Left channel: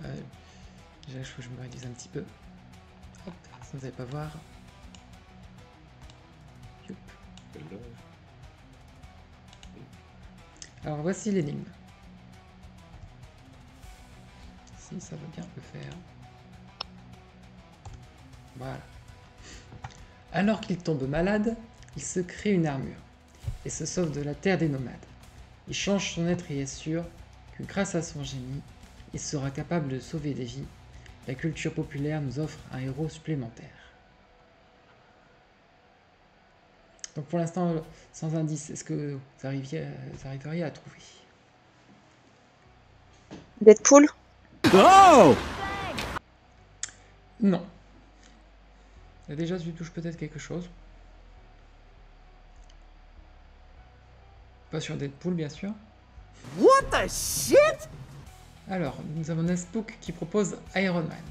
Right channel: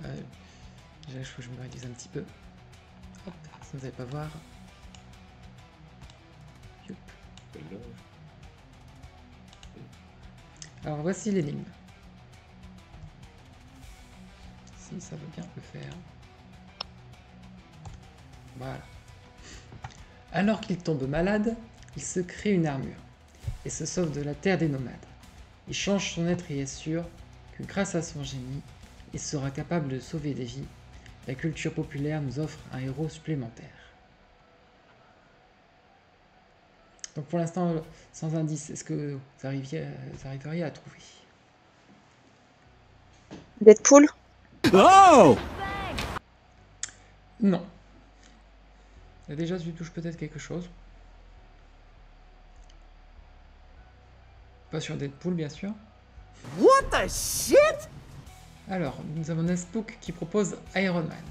Déjà, il faut que je me réduise un petit peu. Hop, ça vous n'allez pas voir. Youp. Alors voici l'énigme. Si ça veut bien le faire. Voilà. Alors qu'il tombe malade, il se crée une armure et se sauve de la terre des nomades. Il change son être et est sûr que grâce à son génie, il sera capable de sauver des vies. La culture populaire nous offre un héros supplémentaire. Donc pour l'instant, sans indice, est-ce que vous arriveriez à trouver? Deadpool? Oh! Non. Là déjà, tu touches peut-être quelque chose. Pas sur Deadpool, bien sûr. What the shit? Alors, nous avons Nespook qui propose Iron Man.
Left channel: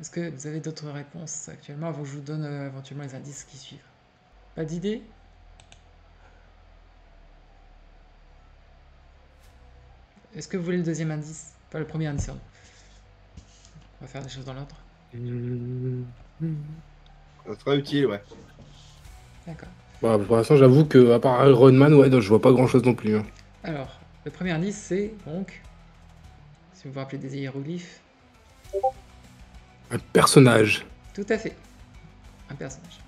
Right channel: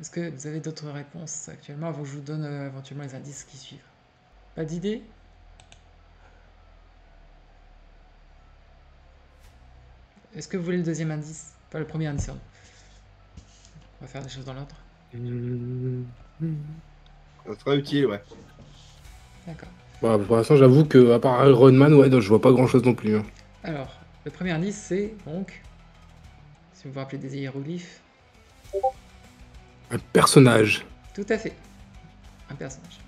Est-ce que vous avez d'autres réponses actuellement avant que je vous donne éventuellement les indices qui suivent? Pas d'idée? Est-ce que vous voulez le deuxième indice? Pas le premier indice, pardon. On va faire des choses dans l'ordre. Ça sera utile, ouais. D'accord. Bah, pour l'instant, j'avoue que à part Iron Man, ouais, non, je vois pas grand chose non plus. Hein. Alors, le premier indice, c'est donc, si vous vous rappelez des hiéroglyphes. Un personnage. Tout à fait. Un personnage.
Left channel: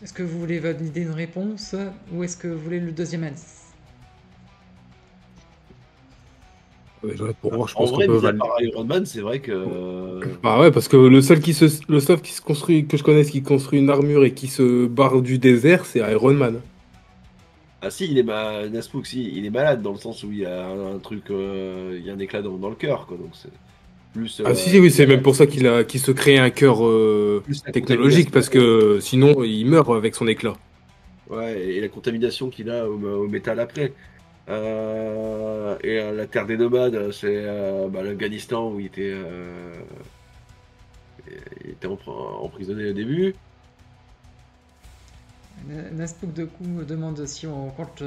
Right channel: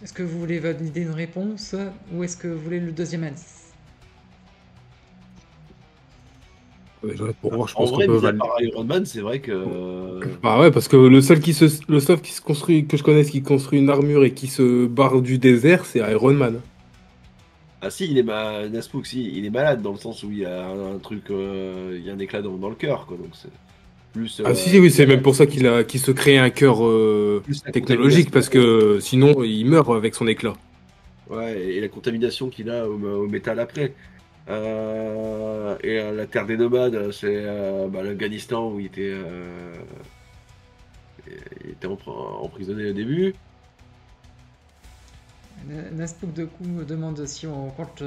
Est-ce que vous voulez valider une réponse ou est-ce que vous voulez le deuxième indice? Pour moi, je En pense qu'on vrai, peut mis à valider. part Iron Man, c'est vrai que. Bah ouais, parce que le seul qui se construit, que je connaisse, qui construit une armure et qui se barre du désert, c'est Iron Man. Ah si, Naspook, si, il est malade dans le sens où il y a un truc, il y a un éclat dans le cœur, quoi. Donc c'est plus. Ah si, oui, c'est même pour ça qu'il se crée un cœur plus la technologique, parce que sinon, il meurt avec son éclat. Ouais, et la contamination qu'il a au métal après. La terre des nomades, c'est l'Afghanistan où il était emprisonné au début. Naspook de coup me demande si on compte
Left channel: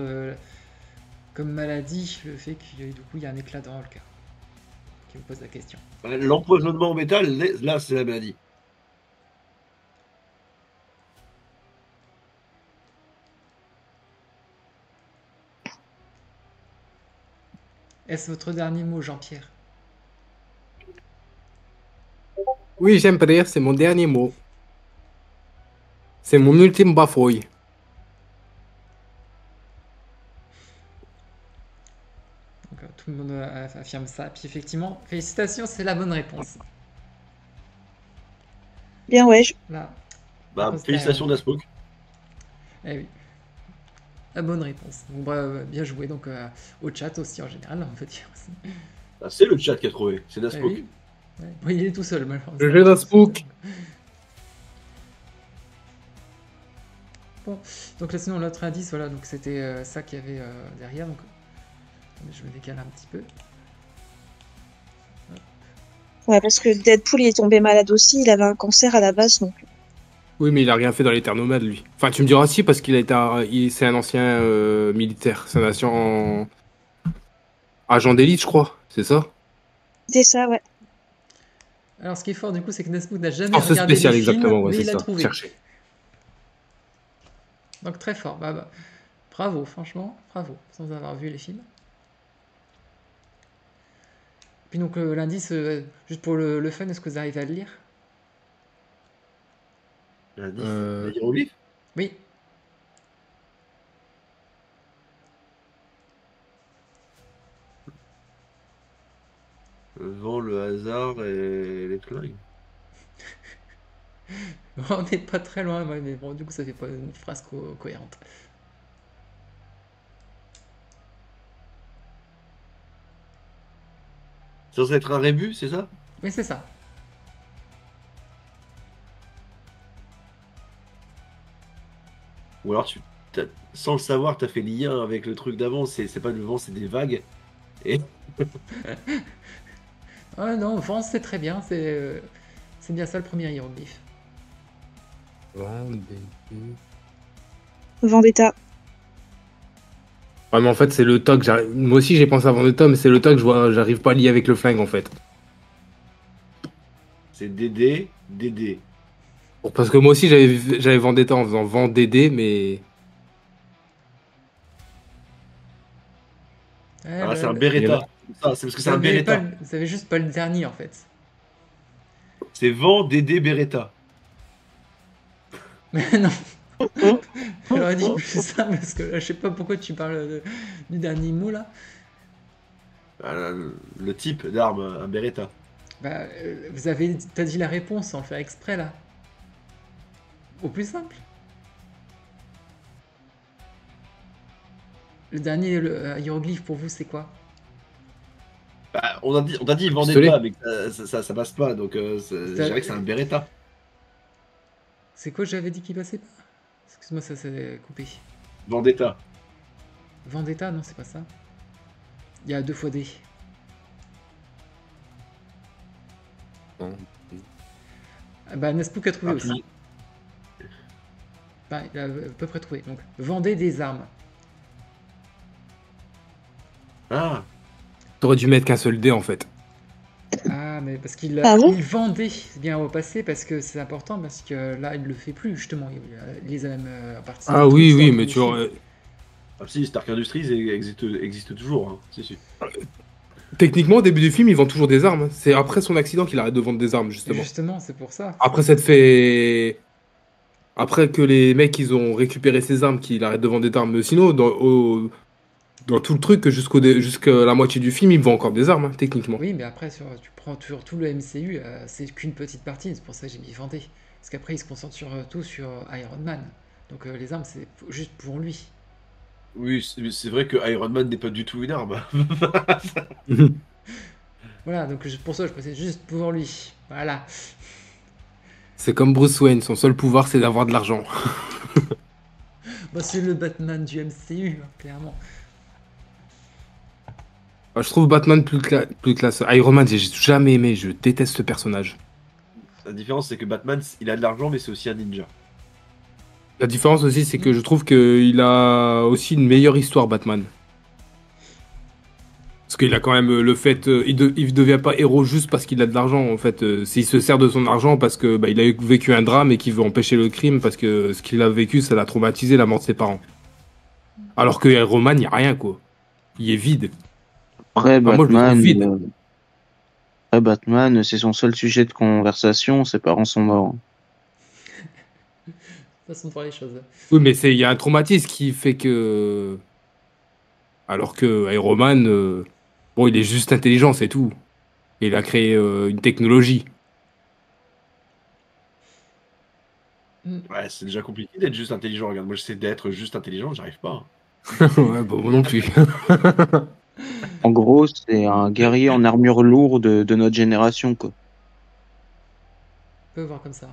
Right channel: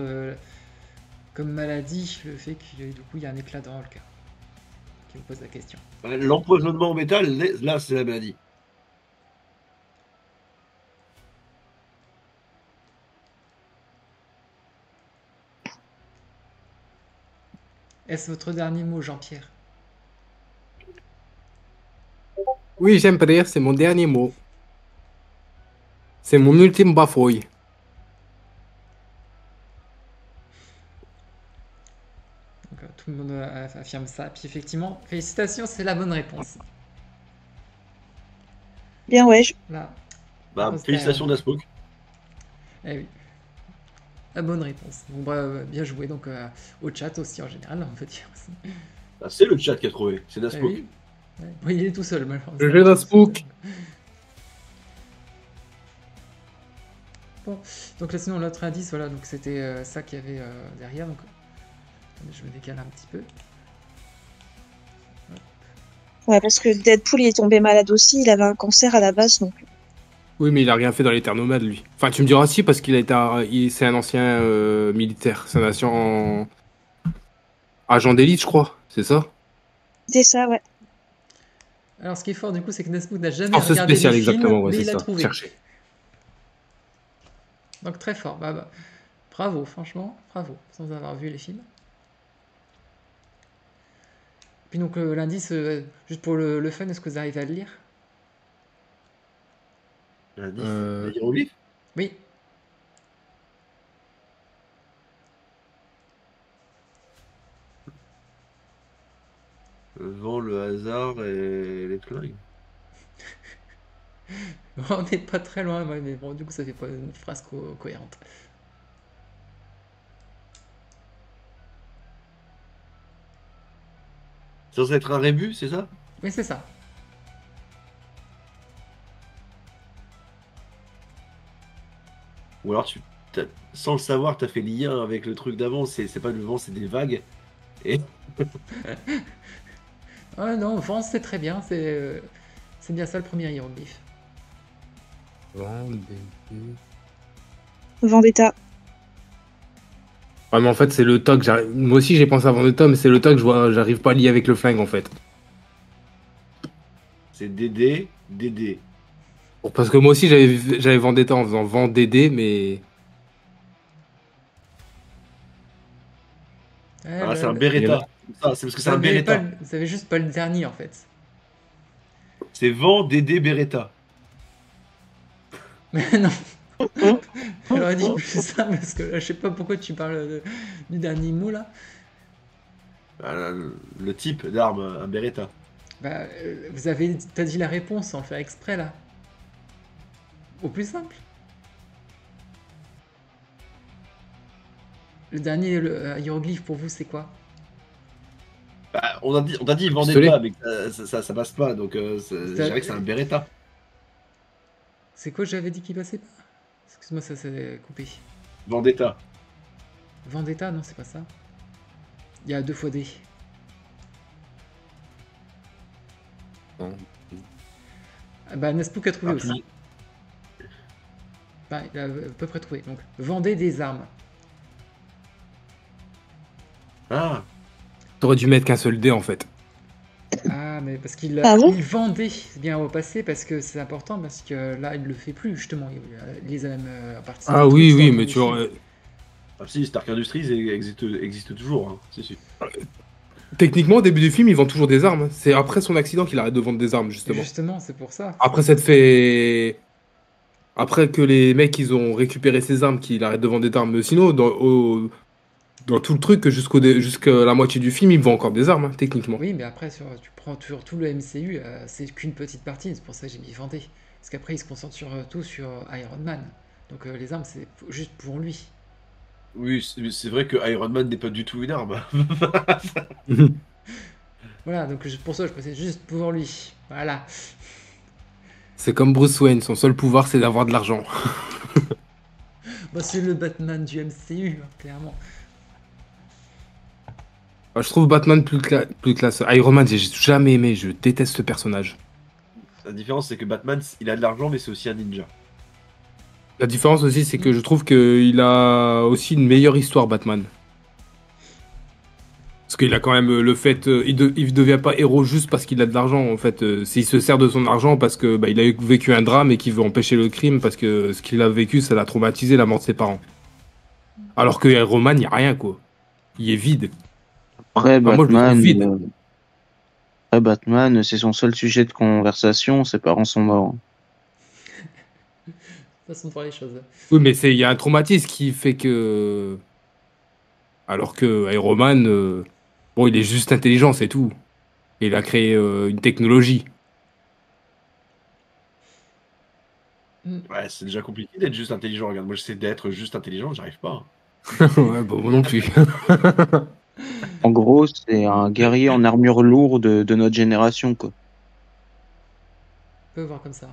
comme maladie le fait qu'il du coup il y a un éclat dans le cœur. Qui vous pose la question. L'empoisonnement au métal, là, c'est la maladie. Est-ce votre dernier mot, Jean-Pierre? Oui, j'aime rire, c'est mon dernier mot. C'est mon ultime bafouille. Donc, tout le monde affirme ça. Puis effectivement, félicitations, c'est la bonne réponse. Bien, ouais. Là, Félicitations Naspook. Eh oui. La bonne réponse. Bon, bah, bien joué donc au chat aussi en général, on peut dire aussi. Ah, c'est le chat qui a trouvé, c'est Naspook. Oui. Ouais. Oui, il est tout seul malheureusement. J'ai Naspook. Bon, donc là sinon l'autre indice, voilà, donc c'était ça qu'il y avait derrière. Donc, attendez, je me décale un petit peu. Hop. Ouais, parce que Deadpool il est tombé malade aussi, il avait un cancer à la base donc. Oui, mais il a rien fait dans les terres nomades, lui. Enfin, tu me diras si, parce qu'il c'est un ancien militaire. C'est un ancien agent d'élite, je crois. C'est ça? C'est ça, ouais. Alors ce qui est fort du coup, c'est que Naspook n'a jamais regardé les films, ouais, mais il a ça. trouvé. Chercher. Donc très fort. Bah, bravo, franchement, bravo, sans avoir vu les films. Puis donc l'indice, juste pour le fun, est-ce que vous arrivez à le lire? Hiéroglyphe. Oui. Vent, le hasard et les flingues. On n'est pas très loin, ouais, mais bon, du coup, ça fait pas une phrase cohérente. Ça doit être un rébus, c'est ça? Oui, c'est ça. Ou alors, sans le savoir, tu as fait lien avec le truc d'avant, c'est pas du vent, c'est des vagues. Et... Ah non, vent, c'est très bien, c'est bien ça le premier hiéroglyphe. Vendetta. Ouais, mais en fait, c'est le toc. Moi aussi, j'ai pensé à Vendetta, mais c'est le toc, j'arrive pas à lier avec le flingue, en fait. C'est Dédé, Dédé. Bon, parce que moi aussi, j'avais Vendetta en faisant Vendédé, mais. Ouais, Ah, c'est un Il y en Beretta. a- Ah, c'est parce que c'est un Beretta. vous avez juste pas le dernier en fait. C'est Vent, Dédé, Beretta. Mais non, Hein j'aurais dit plus ça parce que là, je sais pas pourquoi tu parles du dernier mot là. Ah, le type d'arme, un Beretta. Bah, t'as dit la réponse sans le faire exprès là. Au plus simple. Le dernier hiéroglyphe pour vous, c'est quoi? Bah, on a dit Pistolet. Vendetta, mais ça passe pas, donc je Ça- dirais que c'est un Beretta. C'est quoi j'avais dit qu'il passait pas? Excuse-moi, ça s'est coupé. Vendetta. Vendetta, non, c'est pas ça. Il y a 2 fois D. Ah bah, Nespook a trouvé aussi. Bah, il a à peu près trouvé. Donc, vendez des armes. Ah, T'aurais dû mettre qu'un seul dé, en fait. Ah, mais parce qu'il Ah bon il vendait bien au passé, parce que c'est important, parce que là, il le fait plus, justement. Il les a même participé Ah oui, oui, mais tu vois. ah si, Stark Industries existe toujours, hein, c'est sûr. Techniquement, au début du film, il vend toujours des armes. C'est après son accident qu'il arrête de vendre des armes, justement. Justement, c'est pour ça. Après s'être fait. Après que les mecs, ils ont récupéré ses armes, qu'il arrête de vendre des armes. Mais sinon, dans tout le truc, jusqu'à la moitié du film, il vend encore des armes, hein, techniquement. Oui, mais après, tu prends toujours tout le MCU, c'est qu'une petite partie, c'est pour ça que j'ai mis vendé. Parce qu'après, il se concentre tout sur Iron Man. Donc les armes, c'est juste pour lui. Oui, c'est vrai que Iron Man n'est pas du tout une arme. Voilà, donc pour ça, je précise juste pour lui. Voilà. C'est comme Bruce Wayne, son seul pouvoir, c'est d'avoir de l'argent. Bah, c'est le Batman du MCU, hein, clairement. Je trouve Batman plus classe. Iron Man, j'ai jamais aimé, je déteste ce personnage. La différence, c'est que Batman, il a de l'argent, mais c'est aussi un ninja. La différence aussi, c'est que je trouve qu'il a aussi une meilleure histoire, Batman. Parce qu'il a quand même le fait, il devient pas héros juste parce qu'il a de l'argent. En fait, s'il se sert de son argent parce que il a vécu un drame et qu'il veut empêcher le crime parce que ce qu'il a vécu, ça l'a traumatisé, la mort de ses parents. Alors que Iron Man, il y a rien quoi. Il est vide. Après, Enfin, moi, je le trouve Batman, vide. C'est son seul sujet de conversation. Ses parents sont morts. Façon de voir les choses. Oui, mais il y a un traumatisme qui fait que, alors que Iron Man, bon, il est juste intelligent, c'est tout. Et il a créé une technologie. Ouais, c'est déjà compliqué d'être juste intelligent. Regarde, moi j'essaie d'être juste intelligent, j'arrive pas. Ouais, bon, moi non plus. En gros, c'est un guerrier en armure lourde de notre génération, quoi. On peut voir comme ça.